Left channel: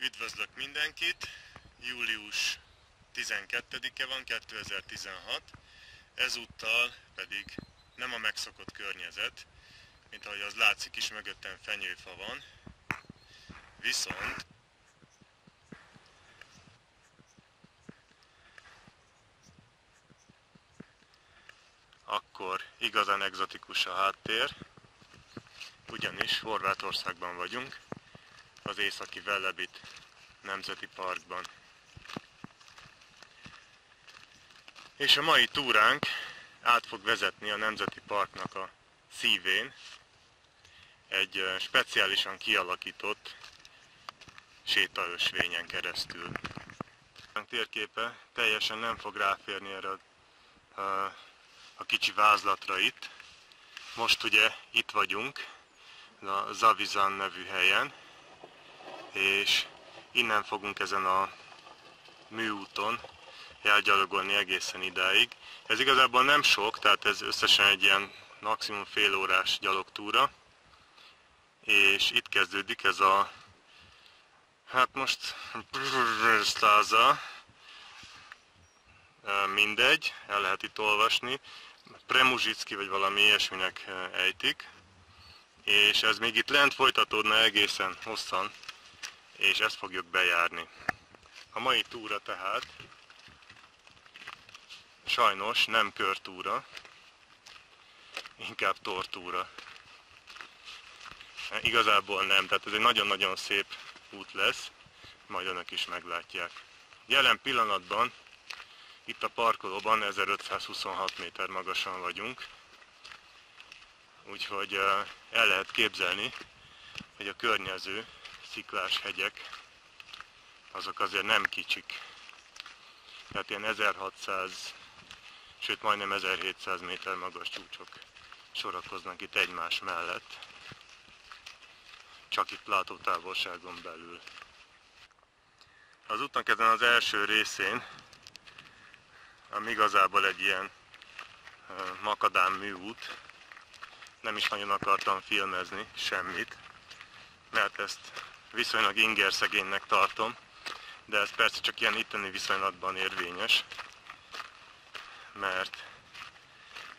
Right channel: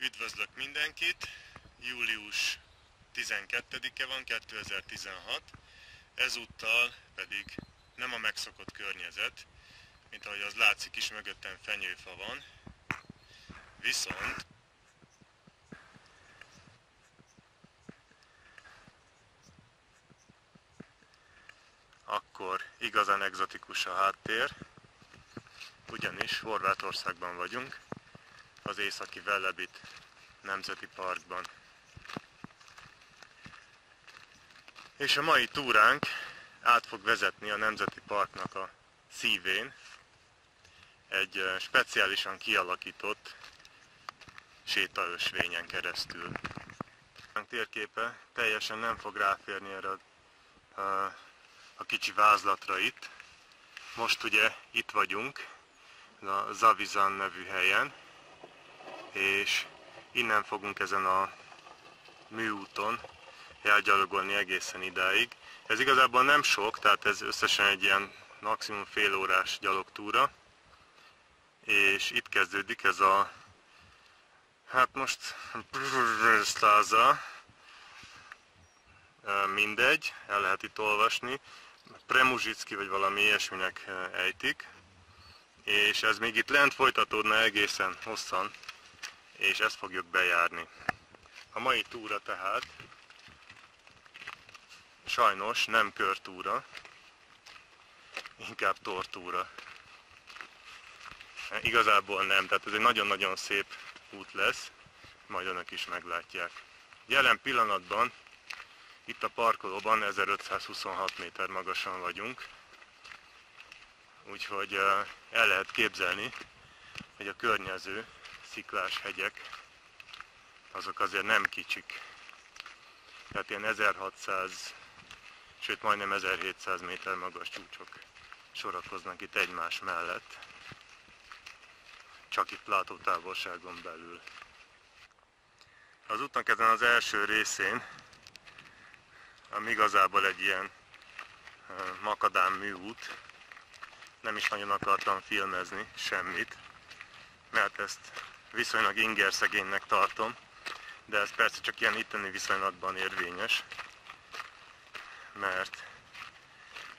Üdvözlök mindenkit! Július 12-e van, 2016. Ezúttal pedig nem a megszokott környezet, mint ahogy az látszik is, mögöttem fenyőfa van, viszont akkor igazán egzotikus a háttér, ugyanis Horvátországban vagyunk, az Északi Velebit Nemzeti Parkban. És a mai túránk át fog vezetni a Nemzeti Parknak a szívén, egy speciálisan kialakított sétaösvényen keresztül. A térképe teljesen nem fog ráférni erre a kicsi vázlatra itt. Most ugye itt vagyunk, a Zavizan nevű helyen, és innen fogunk ezen a műúton elgyalogolni egészen idáig. Ez igazából nem sok, tehát ez összesen egy ilyen maximum fél órás gyalogtúra, és itt kezdődik ez a, hát most Stáza, mindegy, el lehet itt olvasni, Premuzsicki vagy valami ilyesminek ejtik, és ez még itt lent folytatódna egészen hosszan, és ezt fogjuk bejárni. A mai túra tehát sajnos nem körtúra, inkább tortúra. Igazából nem, tehát ez egy nagyon-nagyon szép út lesz, majd önök is meglátják. Jelen pillanatban itt a parkolóban 1526 méter magasan vagyunk, úgyhogy el lehet képzelni, hogy a környező sziklás hegyek azok azért nem kicsik. Tehát ilyen 1600, sőt majdnem 1700 méter magas csúcsok sorakoznak itt egymás mellett, csak itt látótávolságon belül. Az útnak ezen az első részén, ami igazából egy ilyen makadám műút, nem is nagyon akartam filmezni semmit, mert ezt viszonylag ingerszegénynek tartom, de ez persze csak ilyen itteni viszonylatban érvényes, mert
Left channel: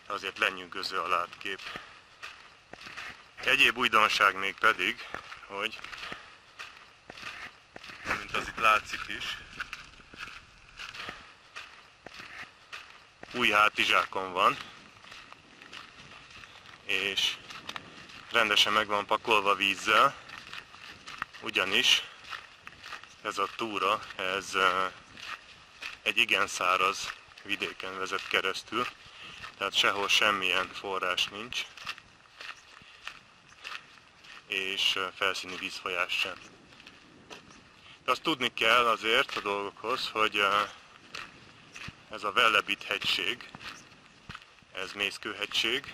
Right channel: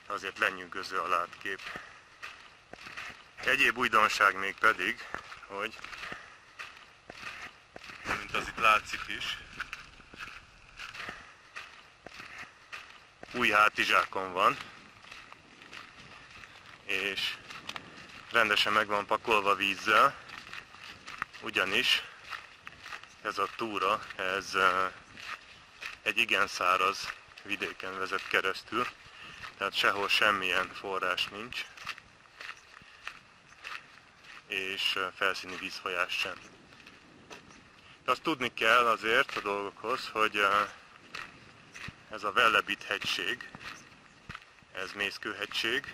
azért lenyűgöző a látkép. Egyéb újdonság még pedig, hogy, mint az itt látszik is, új hátizsákom van, és rendesen meg van pakolva vízzel, ugyanis ez a túra, ez egy igen száraz vidéken vezet keresztül, tehát sehol semmilyen forrás nincs, és felszíni vízfolyás sem. De azt tudni kell azért a dolgokhoz, hogy ez a Velebit hegység, ez mészkőhegység,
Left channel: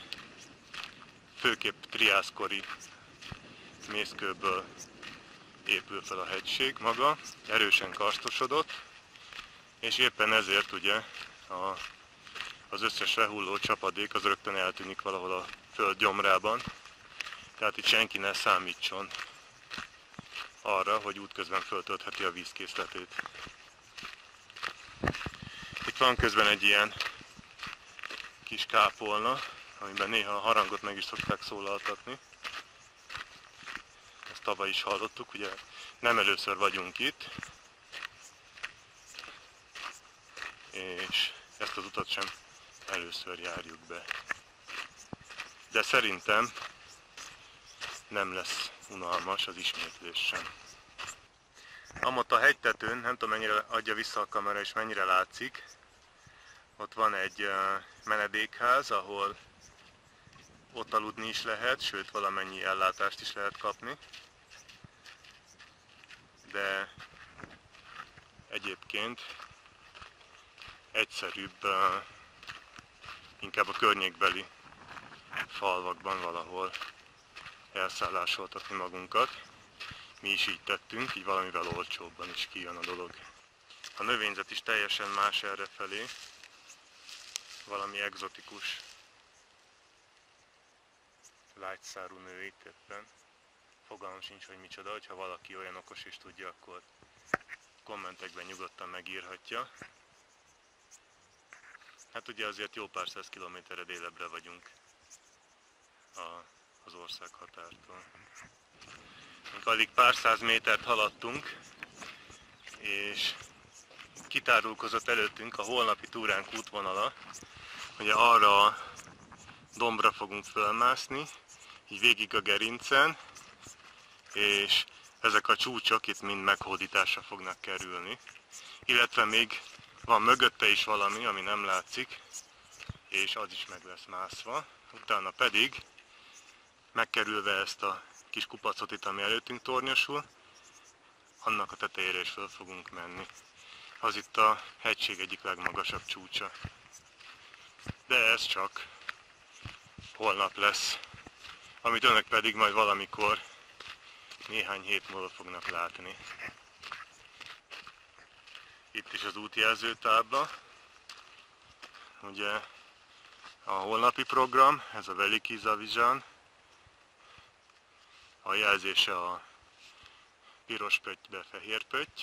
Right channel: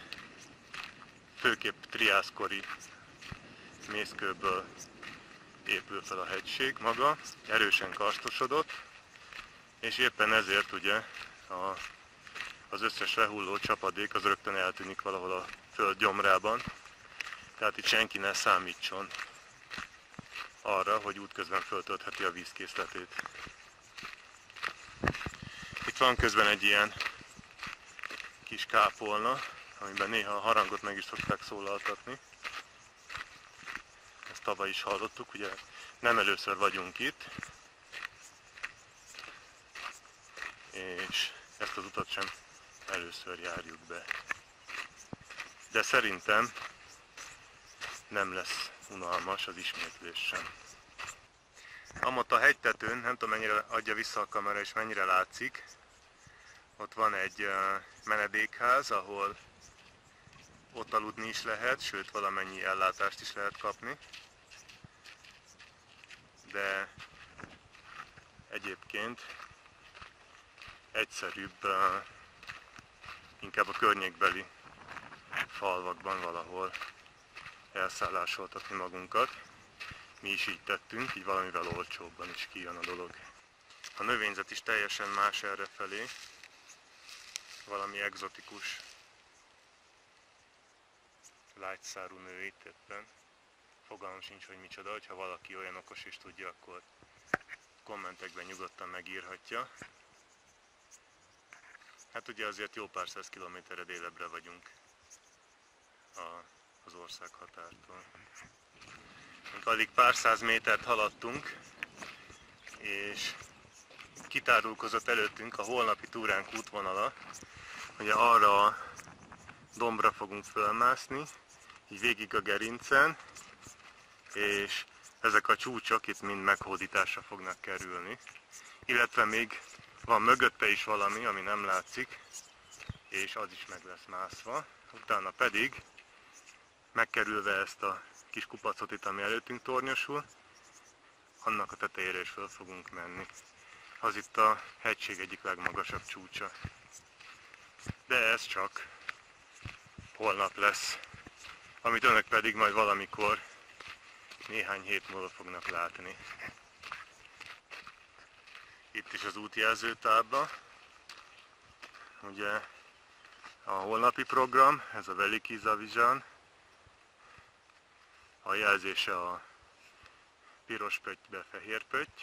főképp triászkori mészkőből épül fel a hegység maga, erősen karstosodott, és éppen ezért ugye az összes lehulló csapadék az rögtön eltűnik valahol a föld gyomrában, tehát itt senki ne számítson arra, hogy útközben föltöltheti a vízkészletét. Itt van közben egy ilyen kis kápolna, amiben néha a harangot meg is szokták szólaltatni. Ezt tavaly is hallottuk, ugye nem először vagyunk itt, és ezt az utat sem először járjuk be. De szerintem nem lesz unalmas az ismétlés sem. Amott a hegytetőn, nem tudom mennyire adja vissza a kamera és mennyire látszik, ott van egy menedékház, ahol ott aludni is lehet, sőt valamennyi ellátást is lehet kapni. De egyébként egyszerűbb inkább a környékbeli falvakban valahol elszállásoltatni magunkat. Mi is így tettünk, így valamivel olcsóbban is kijön a dolog. A növényzet is teljesen más errefelé, valami egzotikus lágyszárú nő itt éppen. fogalmam sincs, hogy micsoda, hogyha valaki olyan okos és tudja, akkor kommentekben nyugodtan megírhatja. Hát ugye azért jó pár száz kilométerre délebbre vagyunk az ország határtól. Alig pár száz métert haladtunk, és kitárulkozott előttünk a holnapi túránk útvonala. Ugye arra a dombra fogunk fölmászni, így végig a gerincen, és ezek a csúcsok itt mind meghódításra fognak kerülni. Illetve még van mögötte is valami, ami nem látszik, és az is meg lesz mászva. Utána pedig, megkerülve ezt a kis kupacot itt, ami előttünk tornyosul, annak a tetejére is föl fogunk menni. Az itt a hegység egyik legmagasabb csúcsa. De ez csak holnap lesz, amit önök pedig majd valamikor néhány hét múlva fognak látni. Itt is az útjelzőtábla. Ugye a holnapi program, ez a Veliki Zavizsán. A jelzése a piros pöttybe fehér pötty,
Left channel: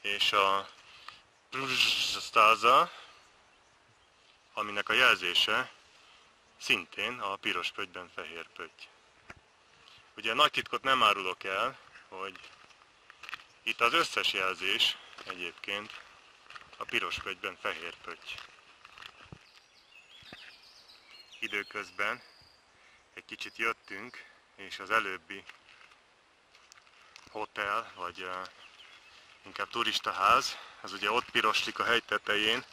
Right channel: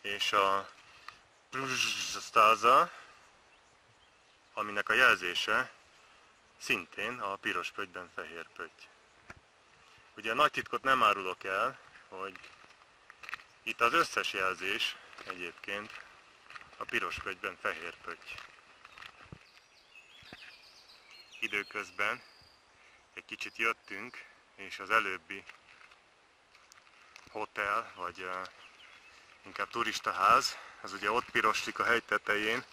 és a Pluzsasztáza, aminek a jelzése szintén a piros pöttyben fehér pötty. Ugye nagy titkot nem árulok el, hogy itt az összes jelzés egyébként a piros pöttyben fehér pötty. Időközben egy kicsit jöttünk, és az előbbi hotel, vagy inkább turistaház, ez ugye ott piroslik a hegy tetején,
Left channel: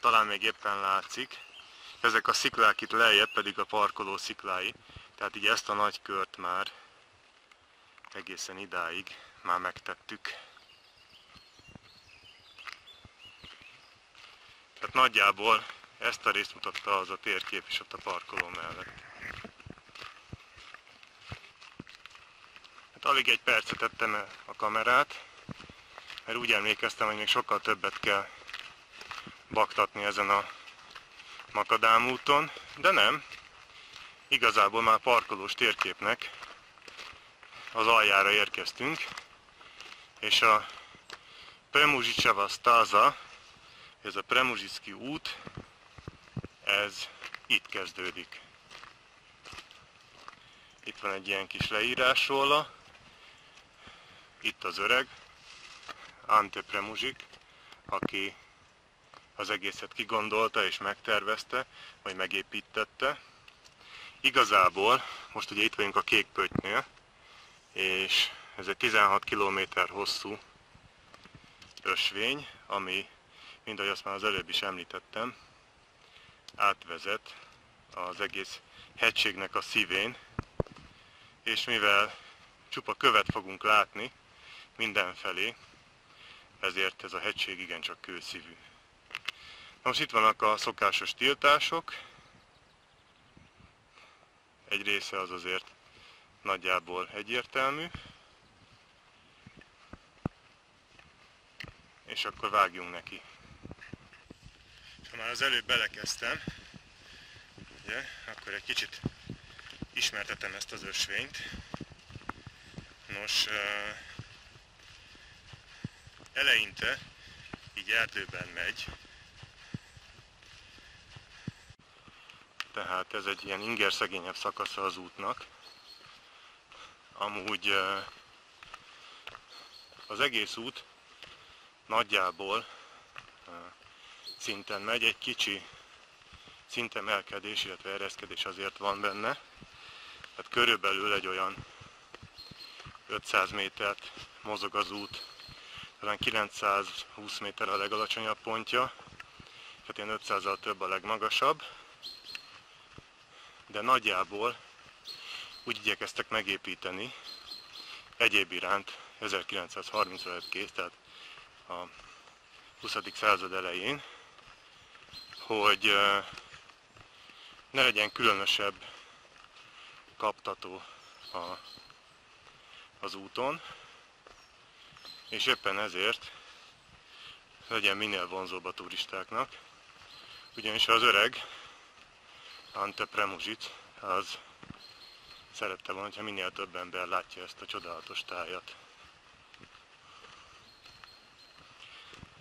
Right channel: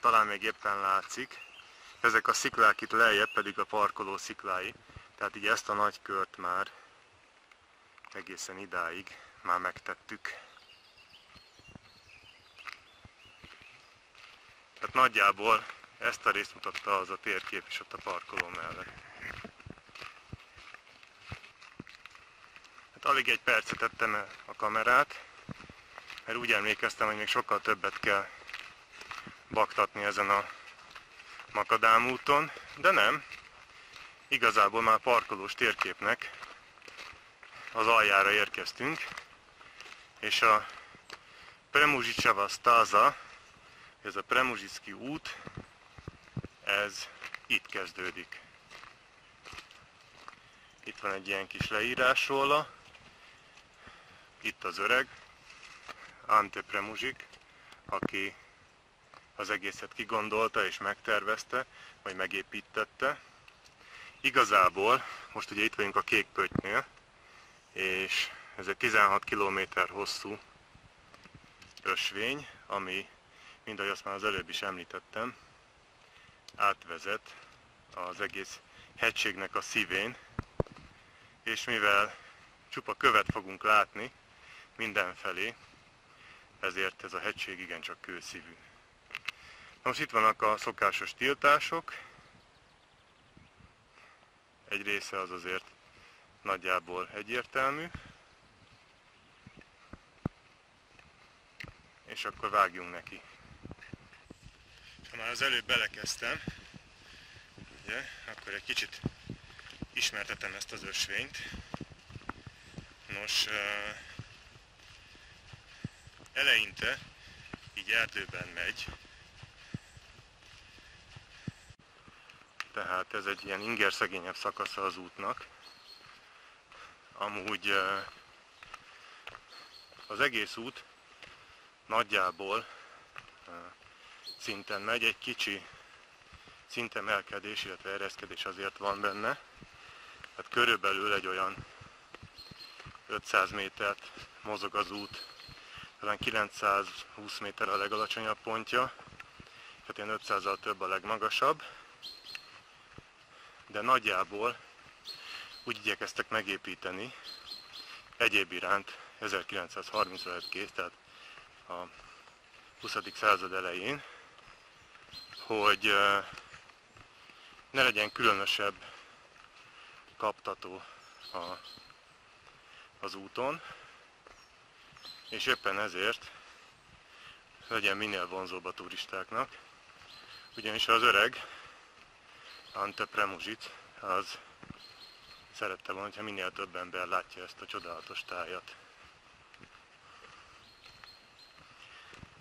talán még éppen látszik. Ezek a sziklák itt lejjebb pedig a parkoló sziklái, tehát így ezt a nagy kört már egészen idáig már megtettük. Tehát nagyjából ezt a részt mutatta az a térkép is ott a parkoló mellett. Hát alig egy percet tettem el a kamerát, mert úgy emlékeztem, hogy még sokkal többet kell baktatni ezen a makadám-úton, de nem. Igazából már parkolós térképnek az aljára érkeztünk, és a Premuzsicsava Stáza, ez a Premuzsicki út, ez itt kezdődik. Itt van egy ilyen kis leírás róla, itt az öreg, Ante Premuzsik, aki az egészet kigondolta és megtervezte, vagy megépítette. Igazából, most ugye itt vagyunk a Kék Pöttynél, és ez egy 16 km hosszú ösvény, ami, mint ahogy azt már az előbb is említettem, átvezet az egész hegységnek a szívén, és mivel csupa követ fogunk látni mindenfelé, ezért ez a hegység igencsak kőszívű. Most itt vannak a szokásos tiltások, egy része az azért nagyjából egyértelmű, és akkor vágjunk neki. Ha már az előbb belekezdtem, ugye, akkor egy kicsit ismertetem ezt az ösvényt. Nos, eleinte így erdőben megy, tehát ez egy ilyen ingerszegényebb szakasza az útnak. Amúgy az egész út nagyjából szinten megy, egy kicsi szintemelkedés, illetve ereszkedés azért van benne. Tehát körülbelül egy olyan 500 métert mozog az út, talán 920 méter a legalacsonyabb pontja, tehát ilyen 500-al több a legmagasabb, de nagyjából úgy igyekeztek megépíteni, egyéb iránt 1930-ra lett kész, tehát a 20. század elején, hogy ne legyen különösebb kaptató az úton, és éppen ezért legyen minél vonzóbb a turistáknak, ugyanis az öreg Ante Premuzsic az szerette volna, ha minél több ember látja ezt a csodálatos tájat.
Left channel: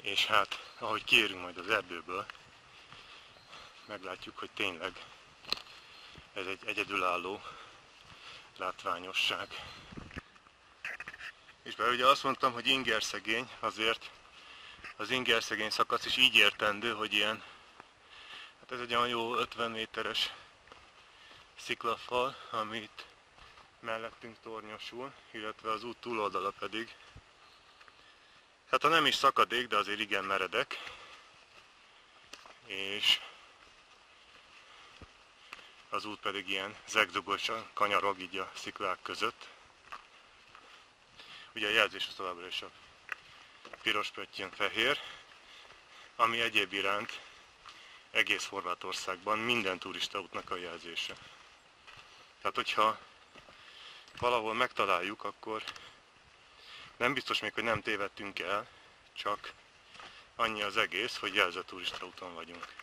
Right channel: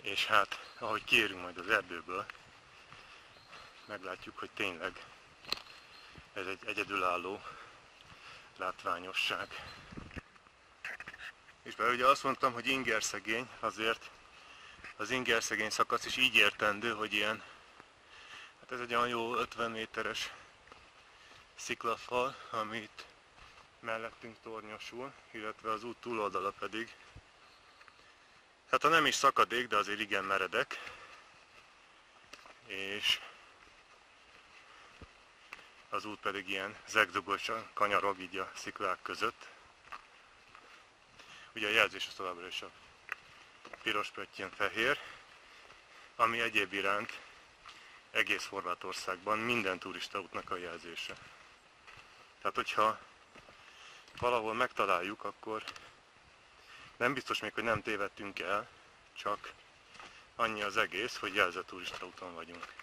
És hát, ahogy kiérünk majd az erdőből, meglátjuk, hogy tényleg ez egy egyedülálló látványosság. És bár ugye azt mondtam, hogy ingerszegény, azért az ingerszegény szakasz is így értendő, hogy ilyen, hát ez egy olyan jó 50 méteres sziklafal, amit mellettünk tornyosul, illetve az út túloldala pedig, hát ha nem is szakadék, de azért igen meredek, és az út pedig ilyen zegzugosan kanyarog így a sziklák között. Ugye a jelzés az továbbra is a piros pöttyön fehér, ami egyéb iránt egész Horvátországban minden turistaútnak a jelzése. Tehát hogyha valahol megtaláljuk, akkor nem biztos még, hogy nem tévedtünk el, csak annyi az egész, hogy jelzett turistaúton vagyunk.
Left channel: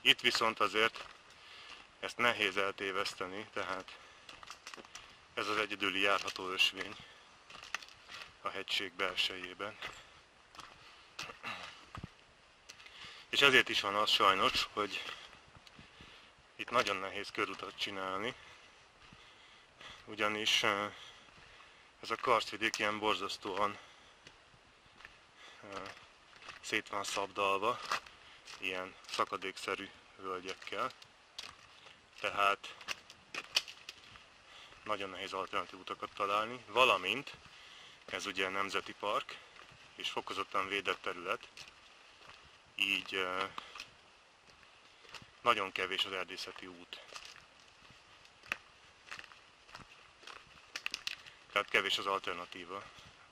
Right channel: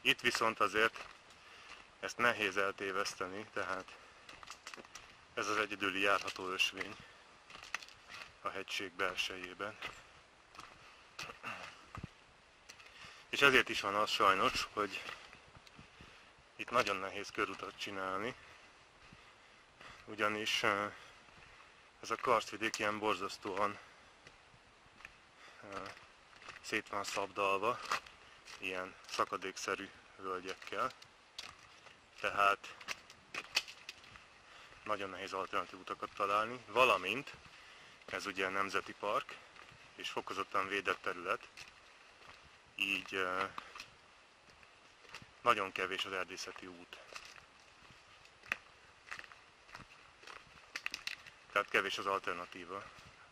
Itt viszont azért ezt nehéz eltéveszteni, tehát ez az egyedüli járható ösvény a hegység belsejében. És ezért is van az sajnos, hogy itt nagyon nehéz körutat csinálni, ugyanis ez a karstvidék ilyen borzasztóan szét van szabdalva, ilyen szakadékszerű völgyekkel, tehát nagyon nehéz alternatív utakat találni, valamint ez ugye nemzeti park és fokozottan védett terület, így nagyon kevés az erdészeti út. Tehát kevés az alternatíva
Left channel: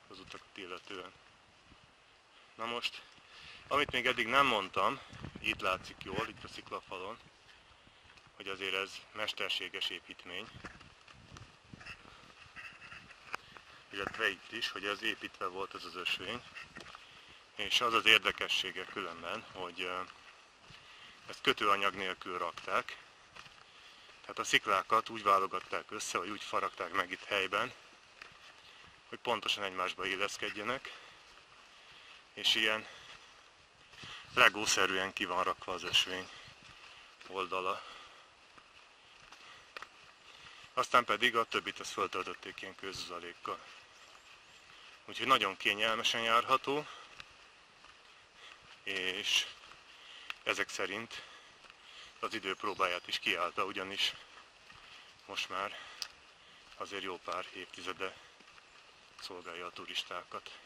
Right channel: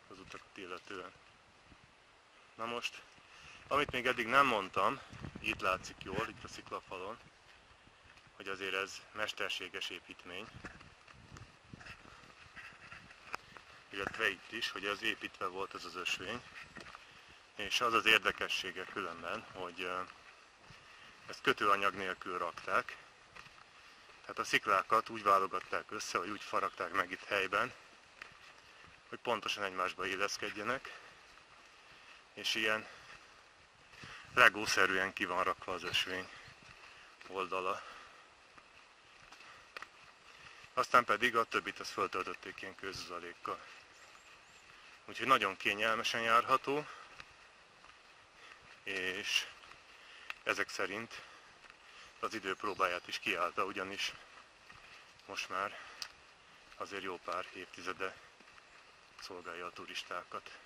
az utakat illetően. Na most, amit még eddig nem mondtam, itt látszik jól, itt a sziklafalon, hogy azért ez mesterséges építmény. Illetve itt is, hogy ez építve volt ez az ösvény. És az az érdekessége különben, hogy ezt kötőanyag nélkül rakták. Tehát a sziklákat úgy válogatták össze, vagy úgy faragták meg itt helyben, hogy pontosan egymásba illeszkedjenek, és ilyen legószerűen ki van rakva az ösvény oldala. Aztán pedig a többit ezt föltöltötték ilyen kőzuzalékkal. Úgyhogy nagyon kényelmesen járható, és ezek szerint az idő próbáját is kiállta, ugyanis most már azért jó pár évtizede szolgálja a turistákat.